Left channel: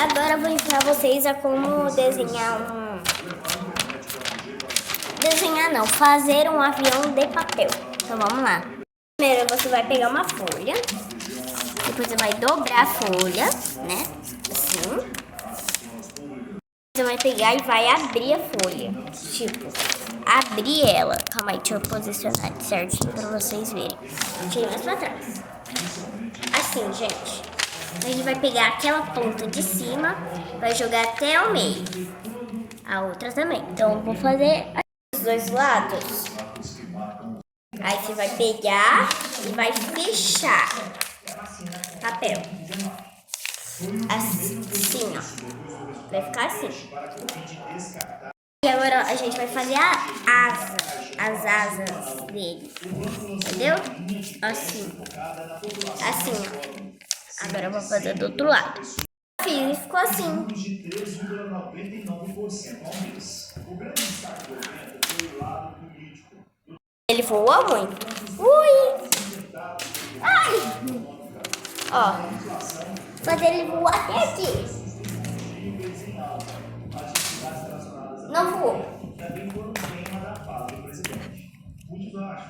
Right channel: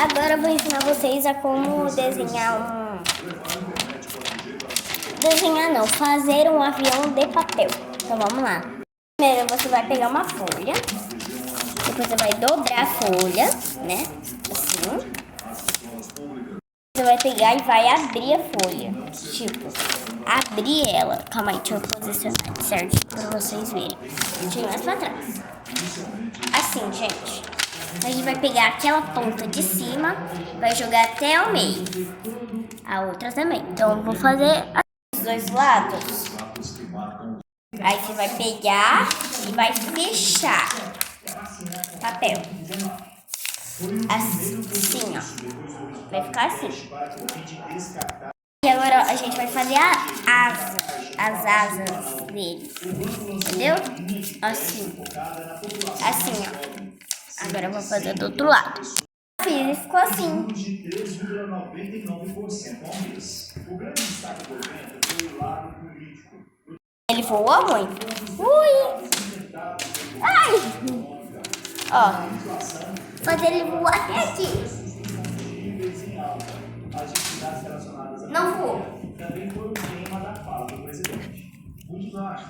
Agora eu vou ensinar vocês a como desenhar fazer um avião de papel. Então vamos lá. Primeiro você vai pegar uma folha, depois você vai dobrar a folha, né? Assim. Você vai pegar e vai abrir a folha. Tipo, abrir ela. Calma aí, deixa eu posicionar certinho pra vocês verem. Deixa eu ir mais pra trás. Assim, gente. A gente vai pegar aquela ponta de cima, vai jogar até o meio. A outra também. Então eu vou fazer os dois lados. Aí você vai pegar e vai fechar papel. Assim, ó. Vai ficar assim. E agora a gente vai fazer as asas dele. Entendeu? Assim. Assim, ó. Agora eu vou fazer do outro lado. Fiz e ficou assim. Ele voou muito. Ui! Ai! Ó. Fazer ele voar até aqui. Não voou.